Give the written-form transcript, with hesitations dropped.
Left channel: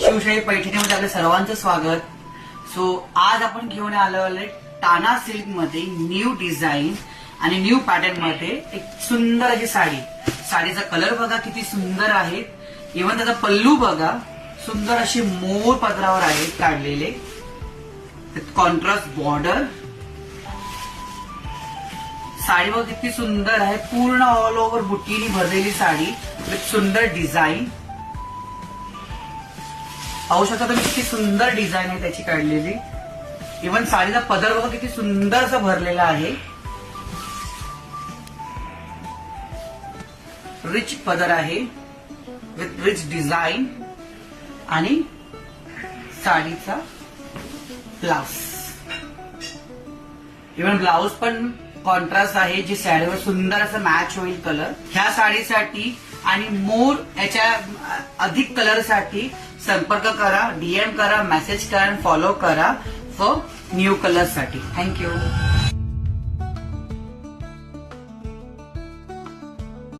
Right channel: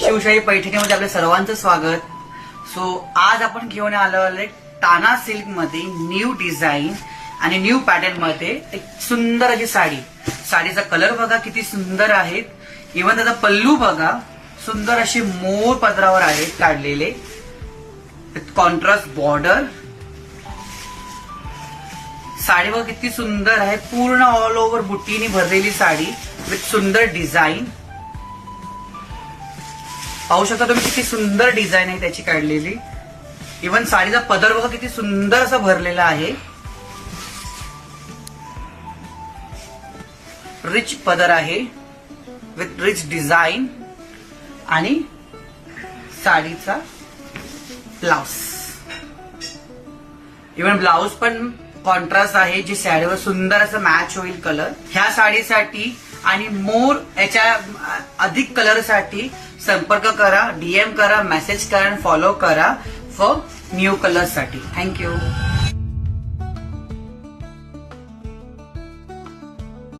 शिवशाही पैठणीमध्ये आपल्या सर्वांचं स्वागत. सो आज आपण घेऊन आलो टाना सिल्क मध्ये न्यू डिझाईन आणि न्यू पॅटर्न मध्ये एक सुंदर अशी साडी. साडीचा कलर बघा किती सुंदर आहे. इव्हन त्याचा पल्लू बघा, सुंदर अशी मोर पदरावर आहेत काढलेले. Contrast border. साडी बघा किती सुंदर आहे. पूर्ण ऑल ओव्हर बुट्टीने भरलेली साडी विथ सुंदर डिझाईन. पाहू शकता तुम्ही किती सुंदर डिझाईन आहे त्याची काढलेली. इव्हन साडीचा पदर बघा किती सुंदर असा भरलेला आहे. रिच पदर आहे विथ रिच डिझाईन आणि साडीचा ब्लाउज. इव्हन ब्लाउज पण कॉन्ट्रास्ट आहे, जी साडीवर सुंदर असं मॅच होईल कलर. ह्या साडीसाठी आणि मोर याच्या अधिक कलरसाठी संपर्क करा, डीएम करा, मेसेज करा आणि फॉलो करा फॉर न्यू कलर साठी. थँक्यू.